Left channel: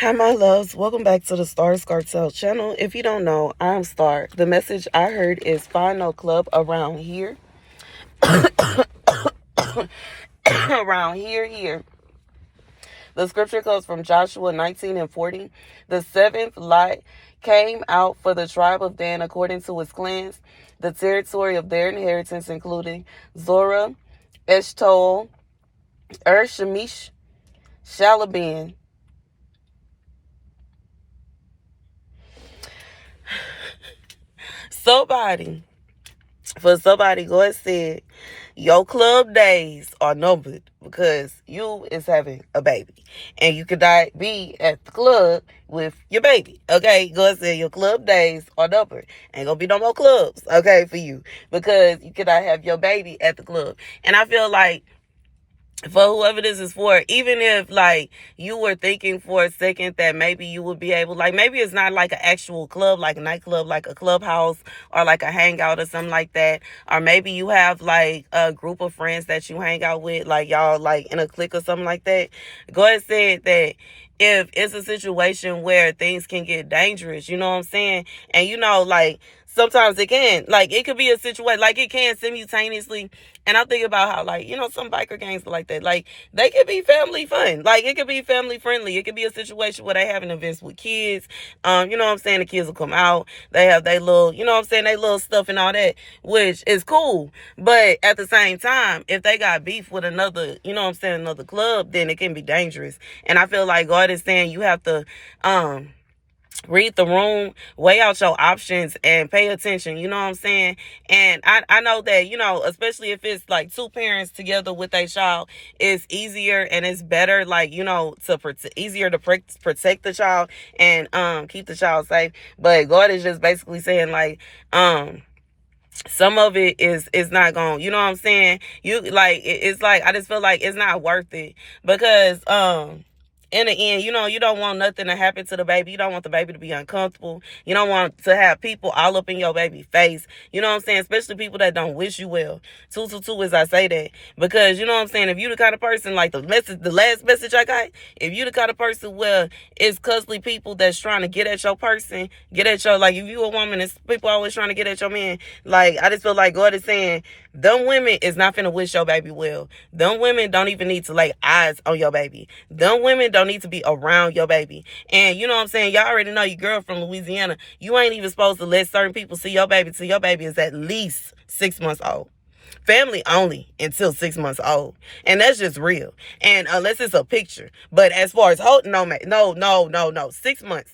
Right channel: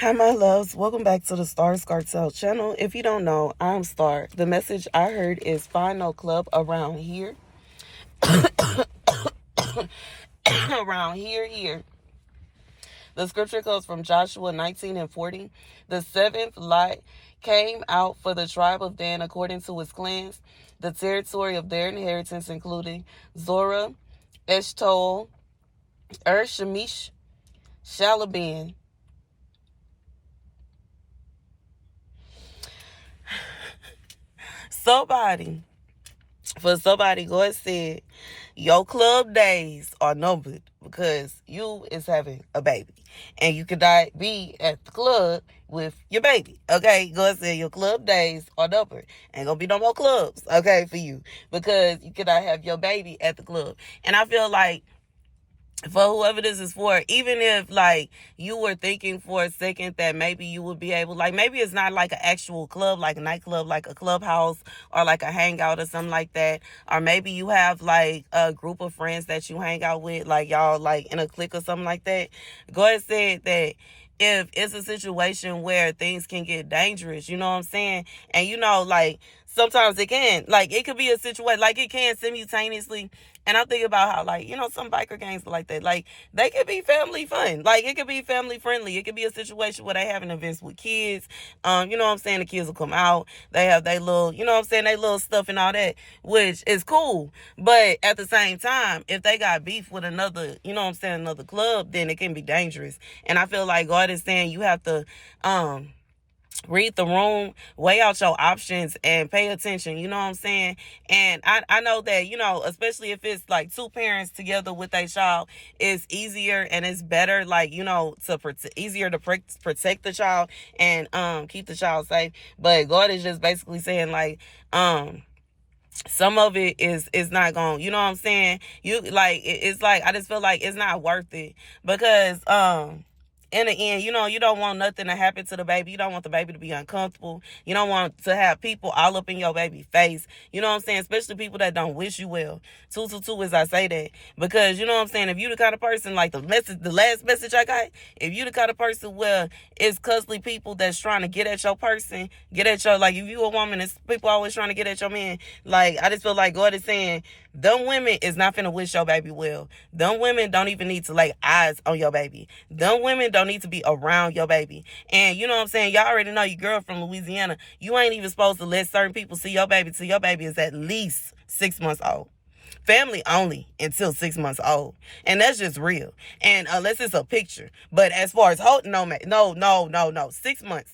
Hi, my loves. Welcome back to the Starscartel channel. If you don't know, I'm Star. The message I heard is find no club around here. Around here. The scripture comes from Joshua 19:40. The seventh lot came out for the tribe of Dan according to its clans. The territory of their inheritance including Zorah, Eshtaol, Shemish, Shalabin. Somebody, God said, your club days are numbered because you is having a baby. And you could not be at the club with your baby. Okay? God said your club days are numbered. Ain't gonna be no more clubs, okay, for you. Because you cannot have your baby at the club. And I feel like for whoever this is for, even if like you were thinking for a second that maybe you would be able, like maybe it's not like an actual club, like a nightclub, like a clubhouse or like a hangout or something like that, or maybe you have like a group of friends that you hang out with, like y'all like in a clique or something like that. God said that if it's a situation where things can get dangerous, you know what I'm saying? And like sometimes it can, like it could be a situation, like it can simultaneously. And I'm thinking about how, like, some biker gangs are like that. Like, they could be family fun. Like, it could be family friendly. It could be a situation where they having events with kids. You know what I'm saying? The kids will come out. They have their little, you know what I'm saying? They little stuff and all that, which is cool. But at the same time, if they got beef with another, you know what I'm saying, another club, then it can be dangerous. And I feel like God is saying you have to, read the room, weigh out your options, and pay attention. You know what I'm saying? And I know that, especially if it's like two parents together with a child, it's easier and it's better, like, easier to protect the child and keep the child safe. But God is just basically saying, like, some of it is not going, you know what I'm saying? It's like, I just feel like it's not worth it because, in the end, you don't want nothing to happen to the baby. You don't want the baby to be uncomfortable. You don't want to have people all up in your baby face. You know what I'm saying? Especially people that don't wish you well. Two, as I say that. Because, you know what I'm saying? If you the kind of person, like the last message I got, if you the kind of person where it's cussly people that's trying to get at your person, like if you a woman, it's people always trying to get at your man. Like, I just feel like God is saying, them women is not finna wish your baby well. Them women don't even need to lay eyes on your baby. Them women don't need to be around your baby. And you know what I'm saying? Y'all already know your girl from Louisiana. You ain't even supposed to let certain people see your baby till your baby is at least 6 months old. Family only until 6 months old. And that's just real. And unless it's a picture. But as far as no. 6 months.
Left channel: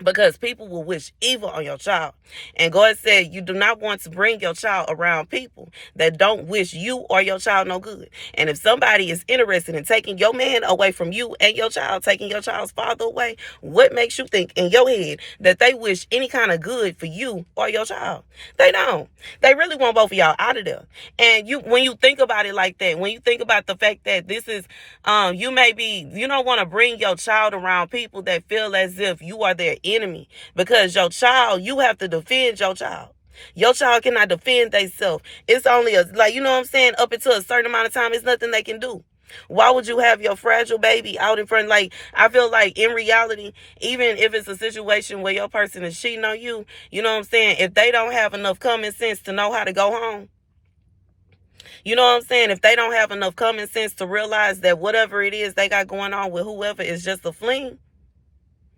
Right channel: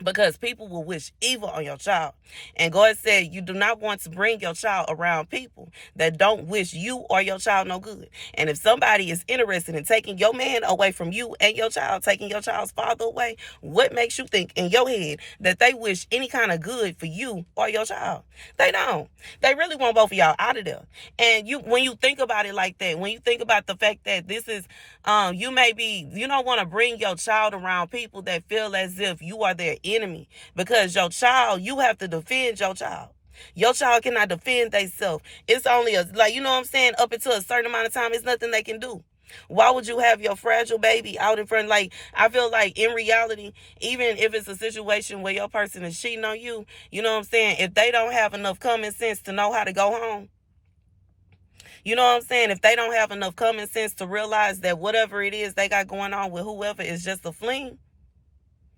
Because people will wish evil on your child. And God said you do not want to bring your child around people that don't wish you or your child no good. And if somebody is interested in taking your man away from you and your child, taking your child's father away, what makes you think in your head that they wish any kind of good for you or your child? They don't. They really want both of y'all out of there. And when you think about it like that, when you think about the fact that this is, you don't want to bring your child around people that feel as if you are their enemy, because your child, you have to defend your child. Your child cannot defend themselves. It's only you know what I'm saying, up until a certain amount of time, it's nothing they can do. Why would you have your fragile baby out in front? Like, I feel like in reality, even if it's a situation where your person is cheating on you, you know what I'm saying, if they don't have enough common sense to know how to go home, you know what I'm saying, if they don't have enough common sense to realize that whatever it is they got going on with whoever is just a fling,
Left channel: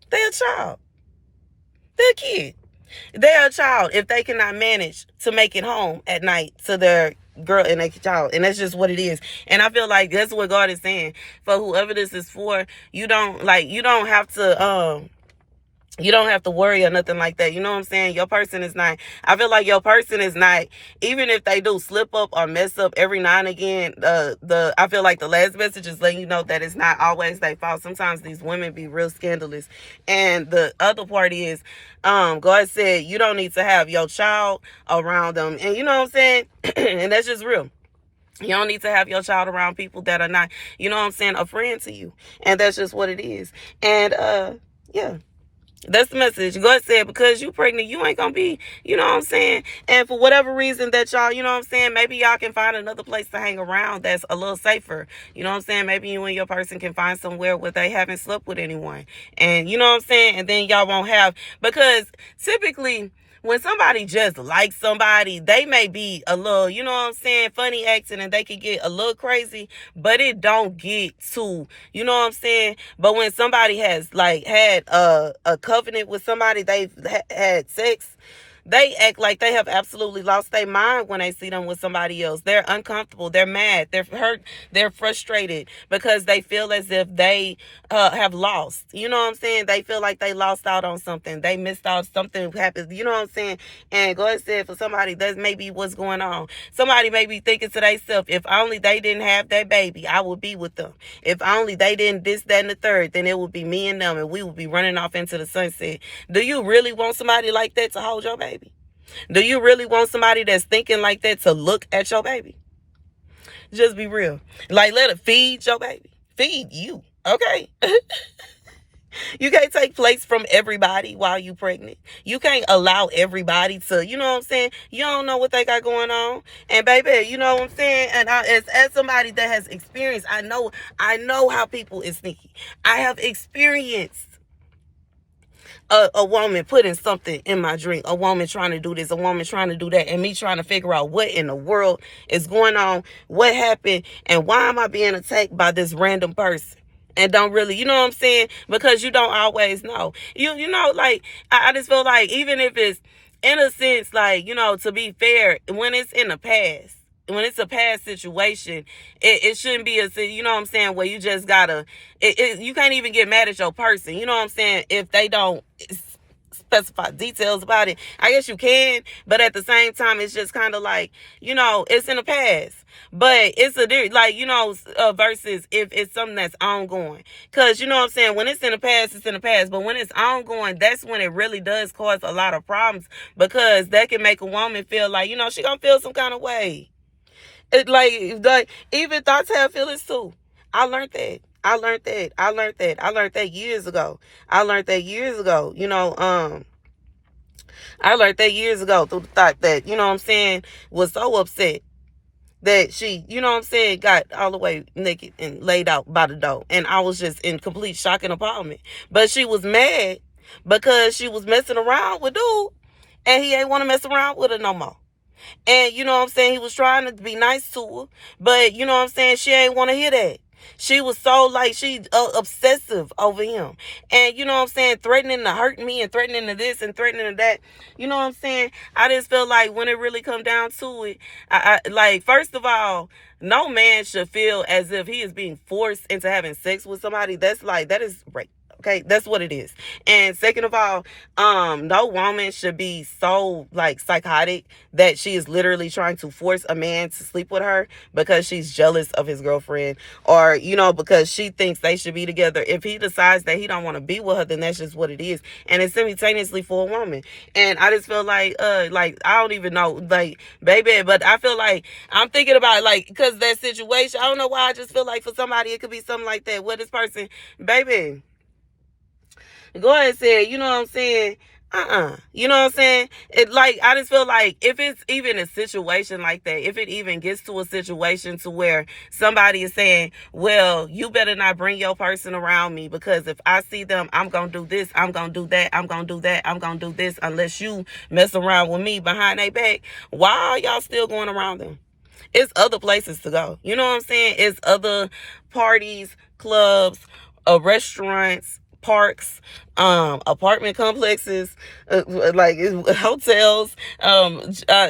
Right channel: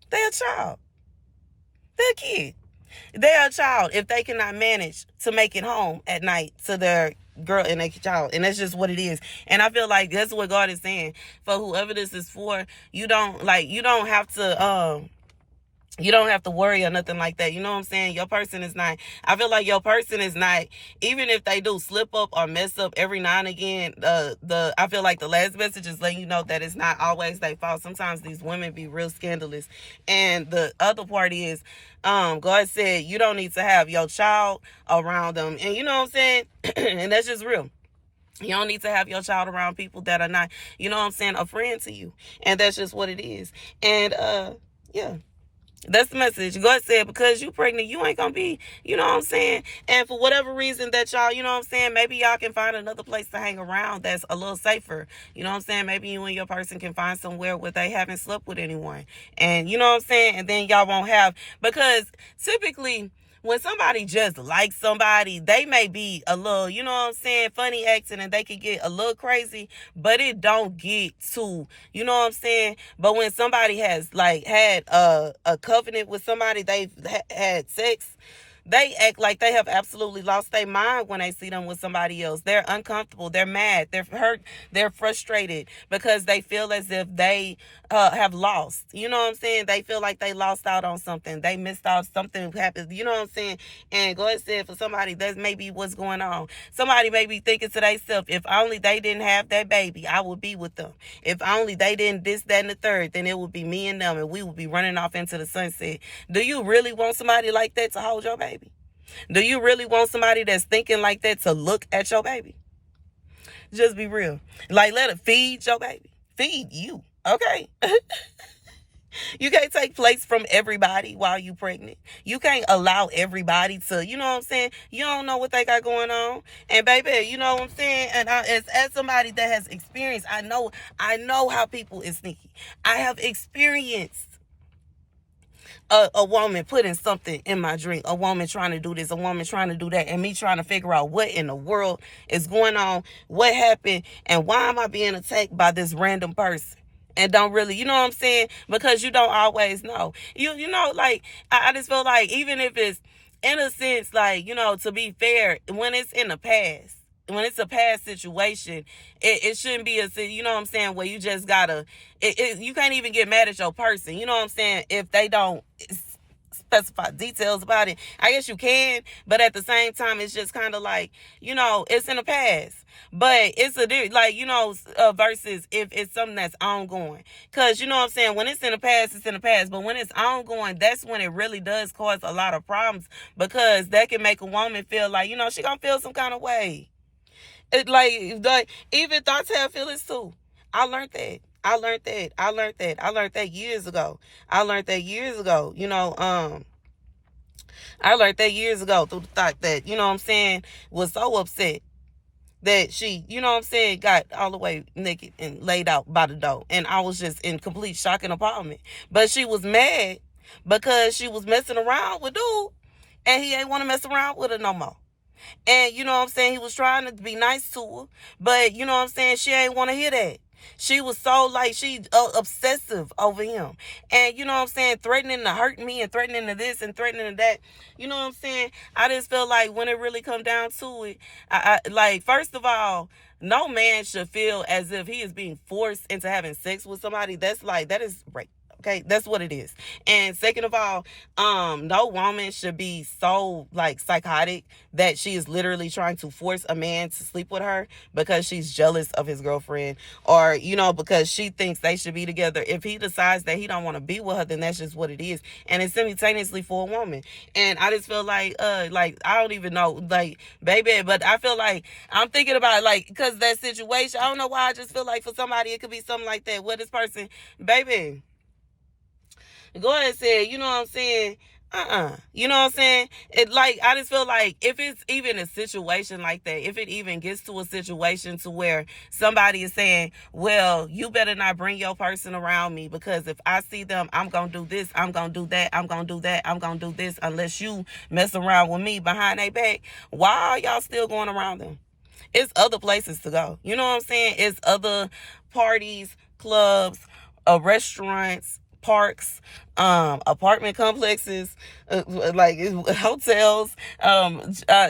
they're a child. They're a kid. They're a child if they cannot manage to make it home at night to their girl and their child. And that's just what it is. And I feel like that's what God is saying. For whoever this is for, you don't have to worry or nothing like that. You know what I'm saying? Your person is not, I feel like your person is not, even if they do slip up or mess up every now and again, I feel like the last message is letting you know that it's not always their fault. Sometimes these women be real scandalous. And the other part is, God said you don't need to have your child around them. And you know what I'm saying? And that's just real. You don't need to have your child around people that are not, you know what I'm saying, a friend to you. And that's just what it is. And, yeah. That's the message. God said, because you pregnant, you ain't gonna be, you know what I'm saying? And for whatever reason that y'all, you know what I'm saying, maybe y'all can find another place to hang around that's a little safer. You know what I'm saying? Maybe you and your person can find somewhere where they haven't slept with anyone. And you know what I'm saying? And then y'all won't have, because typically when somebody just likes somebody, they may be a little, you know what I'm saying, funny acting, and they could get a little crazy, but it don't get too, you know what I'm saying? But when somebody has like had a covenant with somebody, they've had sex, they act like they have absolutely lost their mind when they see them with somebody else. They're uncomfortable. They're mad. They're hurt. They're frustrated because they feel as if they have lost. You know what I'm saying? They feel like they lost out on something. They missed out. Something happened. You know what I'm saying? And God said for somebody, that's maybe what's going on. Somebody may be thinking to themselves, if only they didn't have that baby, I would be with them. If only they didn't this, that, and the third, then it would be me and them, and we would be running off into the sunset. Do you really want somebody like that to hold your baby? Do you really want somebody that's thinking like that to look at your baby? Just be real. Like, let it feed your baby. Feed you. Okay? You can't take place from everybody while you pregnant. You can't allow everybody to, you know what I'm saying? You don't know what they got going on. And baby, you know what I'm saying? And as somebody that has experienced, I know how people is sneaky. I have experienced a woman putting something in my drink, a woman trying to do this, a woman trying to do that, and me trying to figure out what in the world is going on, what happened, and why am I being attacked by this random person? And don't really, you know what I'm saying? Because you don't always know. You know, like, I just feel like even if it's, in a sense, like, you know, to be fair, when it's in the past, when it's a past situation, it shouldn't be you know what I'm saying, where you just gotta, you can't even get mad at your person, you know what I'm saying, if they don't specify details about it. I guess you can, but at the same time, it's just kind of like, you know, it's in the past. But it's like, you know, versus if it's something that's ongoing. Because, you know what I'm saying, when it's in the past, it's in the past. But when it's ongoing, that's when it really does cause a lot of problems. Because that can make a woman feel like, you know, she gonna feel some kind of way. It like even thoughts have feelings too. I learned that. I learned that years ago. You know, I learned that years ago through the thought that, you know what I'm saying, was so upset that she, you know what I'm saying, got all the way naked and laid out by the door. And I was just in complete shock and appallment. But she was mad because she was messing around with dude, and he ain't want to mess around with her no more. And you know what I'm saying, he was trying to be nice to her, but you know what I'm saying, she ain't want to hear that. She was so like, she obsessive over him. And you know what I'm saying, threatening to hurt me and threatening to this and threatening to that. You know what I'm saying? I just feel like when it really come down to it, I like, first of all, no man should feel as if he is being forced into having sex with somebody. That's like, that is rape. Okay, that's what it is. And second of all, no woman should be so like psychotic that she is literally trying to force a man to sleep with her because she's jealous of his girlfriend, or, you know, because she thinks they should be together. If he decides that he don't want to be with her, then that's just what it is. And it's simultaneously for a woman. And I just feel like I don't even know, like, baby, but I feel like I'm thinking about, like, because that situation, I don't know why, I just feel like for somebody it could be something like that. What this person, baby, go ahead and say, you know what I'm saying? You know what I'm saying? It, like, I just feel like if it's even a situation like that, if it even gets to a situation to where somebody is saying, well, you better not bring your person around me, because if I see them, I'm going to do this, I'm going to do that, I'm going to do that, I'm going to do this, unless you mess around with me behind their back. Why are y'all still going around them? It's other places to go. You know what I'm saying? It's other parties, clubs, restaurants, parks, apartment complexes, like hotels,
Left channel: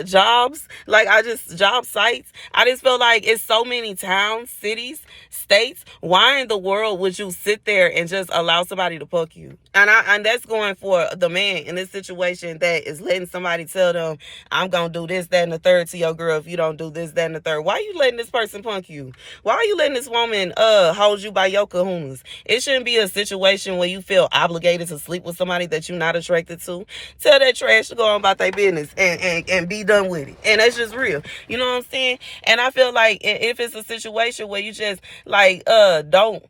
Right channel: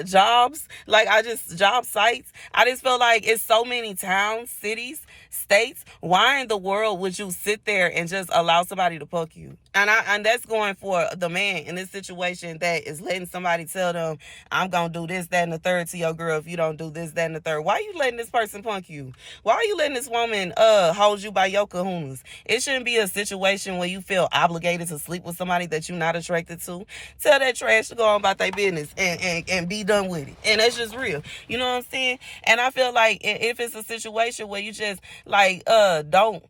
jobs, like job sites. I just feel like it's so many towns, cities, states. Why in the world would you sit there and just allow somebody to fuck you? And that's going for the man in this situation that is letting somebody tell them, I'm gonna do this, that, and the third to your girl if you don't do this, that, and the third. Why are you letting this person punk you? Why are you letting this woman hold you by your kahunas? It shouldn't be a situation where you feel obligated to sleep with somebody that you're not attracted to. Tell that trash to go on about their business and be done with it. And that's just real. You know what I'm saying? And I feel like if it's a situation where you just like don't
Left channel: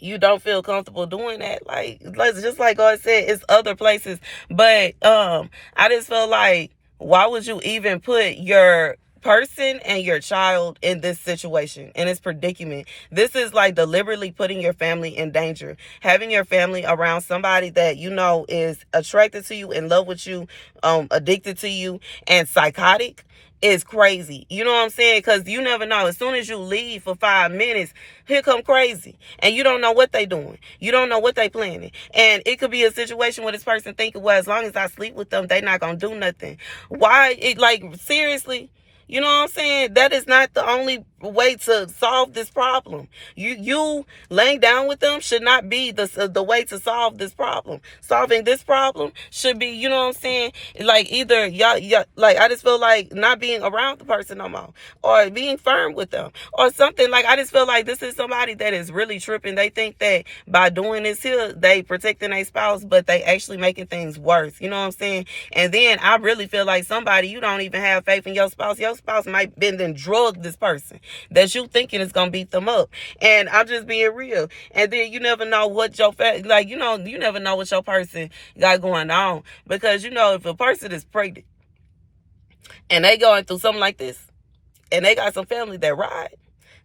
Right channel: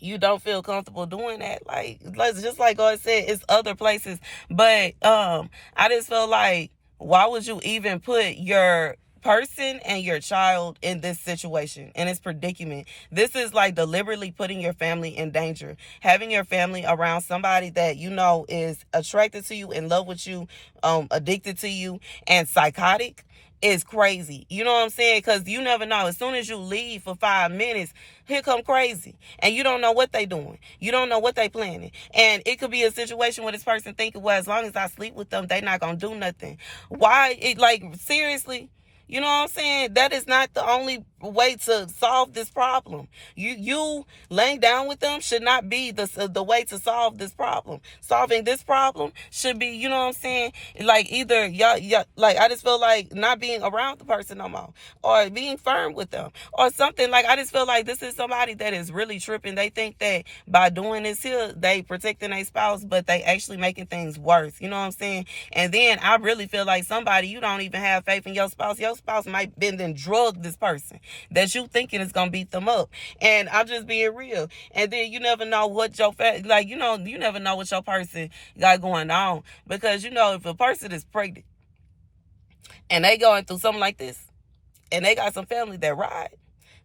you don't feel comfortable doing that, like just like God said, it's other places. But I just feel like, why would you even put your person and your child in this situation, in this predicament? This is like deliberately putting your family in danger. Having your family around somebody that you know is attracted to you, in love with you, addicted to you, and psychotic is crazy. You know what I'm saying? Because you never know. As soon as you leave for 5 minutes, here come crazy. And you don't know what they doing. You don't know what they planning. And it could be a situation where this person thinking, well, as long as I sleep with them, they not going to do nothing. Why? Like, seriously? You know what I'm saying? That is not the only way to solve this problem. You laying down with them should not be the way to solve this problem. Solving this problem should be, you know what I'm saying? Like, either y'all, like, I just feel like not being around the person no more, or being firm with them, or something. Like, I just feel like this is somebody that is really tripping. They think that by doing this here, they protecting their spouse, but they actually making things worse. You know what I'm saying? And then I really feel like somebody, you don't even have faith in your spouse. Your spouse might been then drug this person that you thinking is gonna beat them up. And I'm just being real. And then you never know what your like, you know, you never know what your person got going on, because you know, if a person is pregnant and they going through something like this, and they got some family that ride,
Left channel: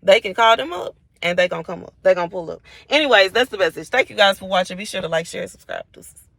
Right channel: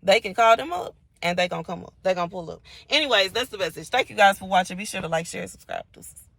they can call them up and they gonna come up. They gonna pull up. Anyways, that's the message. Thank you guys for watching. Be sure to like, share, subscribe. Deuces.